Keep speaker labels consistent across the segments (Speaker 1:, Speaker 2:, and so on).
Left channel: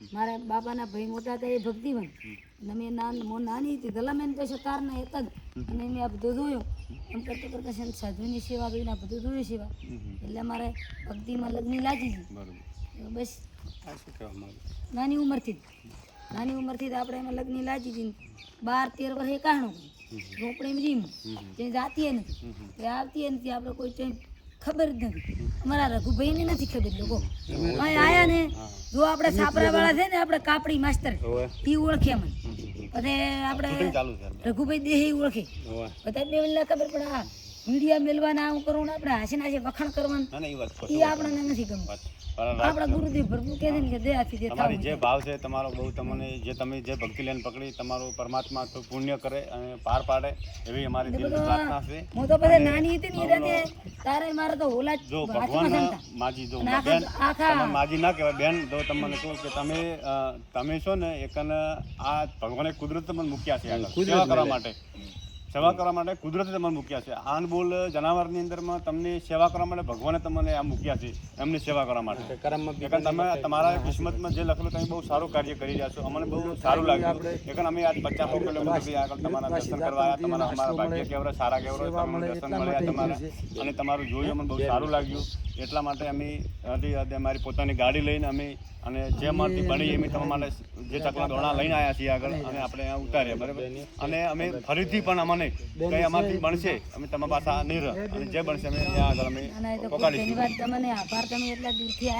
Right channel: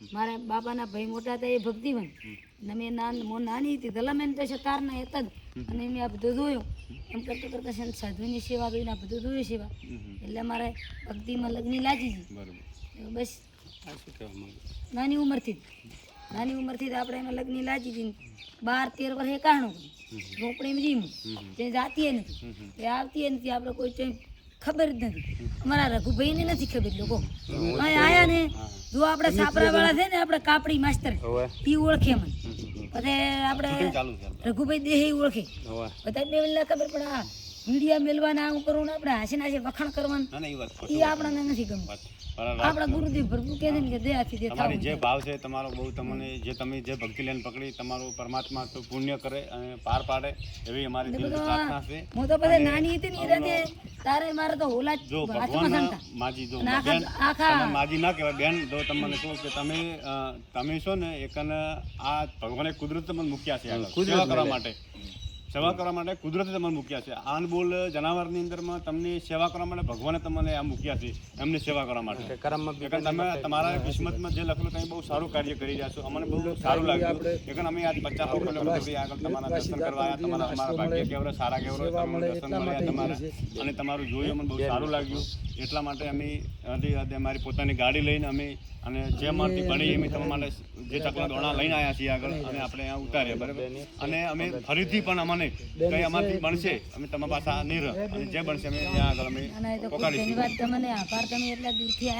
Speaker 1: મારા બાપાના ભાઈ મોટા હતા એ ભક્તિવન અને મેં નાન મો નાની હતી દલામેન તો છે તારના એક જ. અને મેં આ બધું જોયું. એમ કરતા કરતા છે સાધુની સેવા કરીને આ બધું જોયું સેવા. એટલે મારે ભક્તિમાં લગ્ન લાગી ગઈ બસ. નાની ઉંમરથી નાની ઉંમરથી જ આપણે એમાં લગ્ન લાગી ગઈ બાર તેર વર્ષે કાણું ઝોપડીમાં જીમ તે જાતીએ નથી. તે આવતી નથી. આપણે કોઈ ખબર જ નથી. અમારા રઘુભાઈને નથી ખબર લોકો. અહીં આયા ને જો આપડે છાપરા વાળા છે ને આપણે કાપડી માસ્તર ઈ ઓળખે મને પછી આપણે રઘુભાઈ દેહ ઓળખે. બધા બે ખબર પડે આ મીડિયા મેલવાના આવું કરવું આપણે હાસી નાસી વખાણ કરવાનું
Speaker 2: ના ના એ
Speaker 1: આપણને નથી ગમતું. આપણા ગુરુદેવ પ્રભુ કહે છે કે દયાથી જે
Speaker 2: તમારી જે ભાવ છે તમારો બહુ તમને જે તમે જે ભક્તિ લઈને પકડી તમારો પરમાત્મા તો પુણ્ય કરે અને પાર પાડે એવી અમારી પ્રાર્થના છે.
Speaker 1: હું તો પછી નાની હતી ને એટલે તારે મારે તો ઓલા જો
Speaker 2: ભગવાન માજી જો બેન તમે માજી ના કહેવાય. બેન જો તમને કહું કે તમે તમે છો ને એકન આ ભગવાને કુદરત તમને મૂક્યા છે આગળ. સેવા કરવા માટે. સેવા કરવા માટે કુદરતે તમને મૂક્યા છે. આનબોલ જનાવરની અંદરમાં તમને સેવા કરવા માટે ભગવાને તમને આ મૂક્યા છે એમની સેવા કરવા માટે. તમે તમારા કિસ્મતમાં જે લખેલું તમે બહુ સારું કાર્ય કરી રહ્યા છો. અમને બહુ સારું લાગ્યું. એકન અમે આજ પચાસ કિલોમીટર આગળ તમારા દર્શન કરવા તમારા અમારા ભાગ્ય કેવડા સારા કેવડા દર્શન મળ્યા તમારા. અને તમારું જોયું અમને બહુ સારું લાગ્યું. એટલા માટે અમે અમારી પોતાની ગાડી લઈને અમે અને જે અમારથી બની એમ તમે માટે જે ચકલા દોણા લઈને આવ્યા છીએ આગળ અને આપણે ઉતાર્યા બરાબર? અને અમે ફરીથી પણ અમને કંઈ અમારથી બનશે. અમે તમારા પાસે નહીં રહ અને જે બનશે અમે ત્યાં આગળ અમે
Speaker 1: અને એ તો ખૂબ
Speaker 2: પોકાડીશું.
Speaker 1: ધન્યવાદ. તમને આભાર. તમે એટલા દૂરથી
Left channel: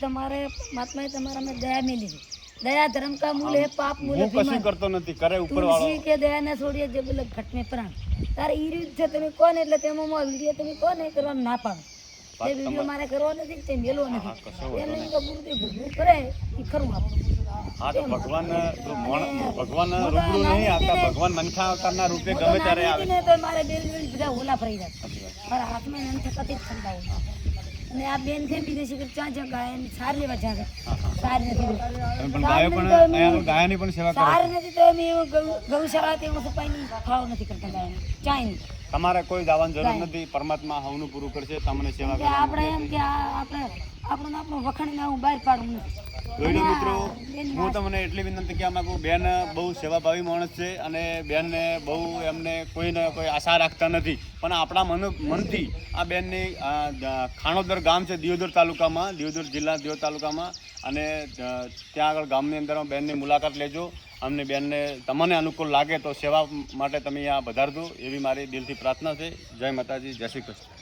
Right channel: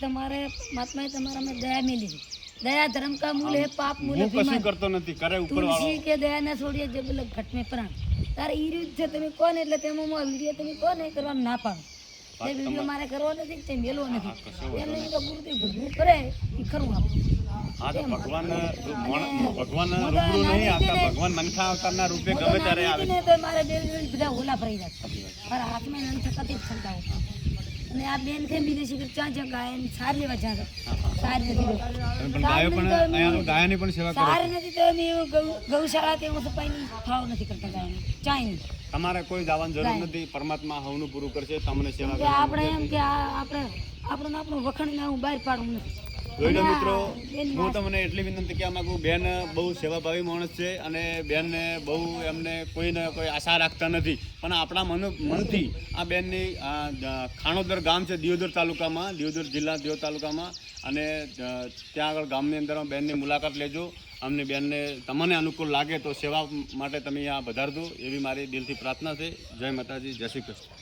Speaker 1: તમારે માત્માએ તમારા અમે દયા મેલી દયા ધર્મ કા મૂલ હે પાપ મૂલ
Speaker 2: હું કશું કરતો નથી. કરે ઉપર વાળો
Speaker 1: કે દયા ના છોડીએ જે ઘટ મેં પ્રાણ. તારે ઈ રીત છે તમે કોને? એટલે તેમાં વીડિયો તમે કોને કરવાનું ના પાડો? જે વીડિયો મારે કરવો નથી તે મેલવો નથી. એને તો ગુરુદેવ ભૂખું કરે એ ખરું આપું
Speaker 2: હા તો ભગવાન જો ભગવાન રૂબરૂ નહીં આવતા ભગવાન મનખા અવતારના રૂપે ગમે ત્યારે આવે
Speaker 1: ને તો મારે બેન બેન બધા ઓલા ફરી જાય. મારા હાથમાં નામ થકાતી જ હોય. અને આ બેન છે બીજે કે ત્યાં જ્યાં ગાય સાર લેવા જ્યાં.
Speaker 2: પણ ગાયો પણ ગાયોની પણ સેવા
Speaker 1: સાર નથી તો અમે ગૌશાળા કે સફાઈની ભાવ નથી કરતા ગાયને ચાય
Speaker 2: તમારે કોઈ દાવાની જરૂર નથી પરમાત્મા હવનું પૂરું કરશે તમને સેવા
Speaker 1: આપણે એમ કે આપણે આપણું આપણું વખણ વખણીને હું બહાર પાડું નથી.
Speaker 2: જોઈ લો મિત્રો હું તમને એટલી વિનંતી કહેવા માગું બેન બહુ સેવાભાવી માણસ છે અને બેનને બહુ એમને કોઈને કોઈ આશા રાખતા નથી. પણ આપણા મન મનથી આ બેનની ખાણોદર ગામ છે દિયોદર તાલુકામાં દિયોદર જિલ્લા દિયોદર તાલુકામાં. અને ત્યાં આગળ ગામની અંદર બેનની મુલાકાત લેજો. અમને બેનને તમને અનુકૂળ લાગે તો સેવા માટે તમે અહીંયા વધારજો એવી મારી દિલથી પ્રાર્થના છે. જય માતાજી જય શ્રી કૃષ્ણ.